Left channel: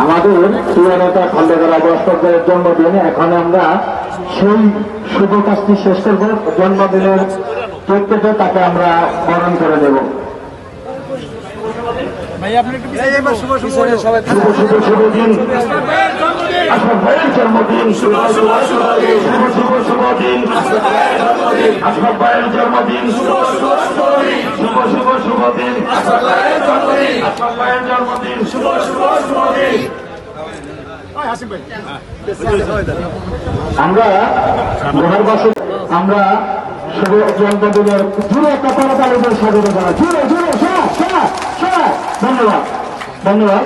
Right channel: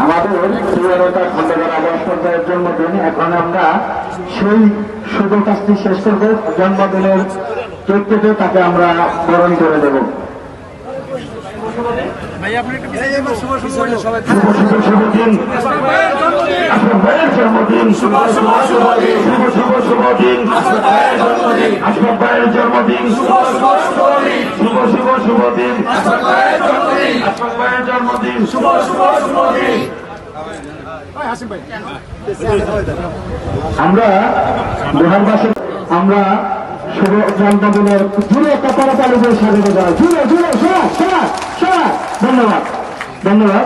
আমাদের চূড়ান্ত খন্দকার অবস্থার জন্মদিন। এখন আমরা সেই শুভ কাজটি শেষ করব। জন্মদিনের তথ্যটা তাকে আমরা বরণ করে নেব। শুভ শুভ শুভ দিন, আপনার ভাইয়ের জন্মদিন। শুভ শুভ শুভ দিন, শুভ শুভ শুভ দিন, আপনার ভাইয়ের জন্মদিন। শুভ শুভ শুভ দিন, শুভ শুভ শুভ দিন, আপনার ভাইয়ের জন্মদিন। আপনার ভাইয়ের জন্মদিন। শুভ শুভ শুভ দিন। আমরা বিহারবাসী আমরা শুভ জন্মদিনের জুড়ে একটা তাড়াতাড়ি করে স্বাগত করা। জুড়ে জুড়ে ধন্যবাদ ধন্যবাদ।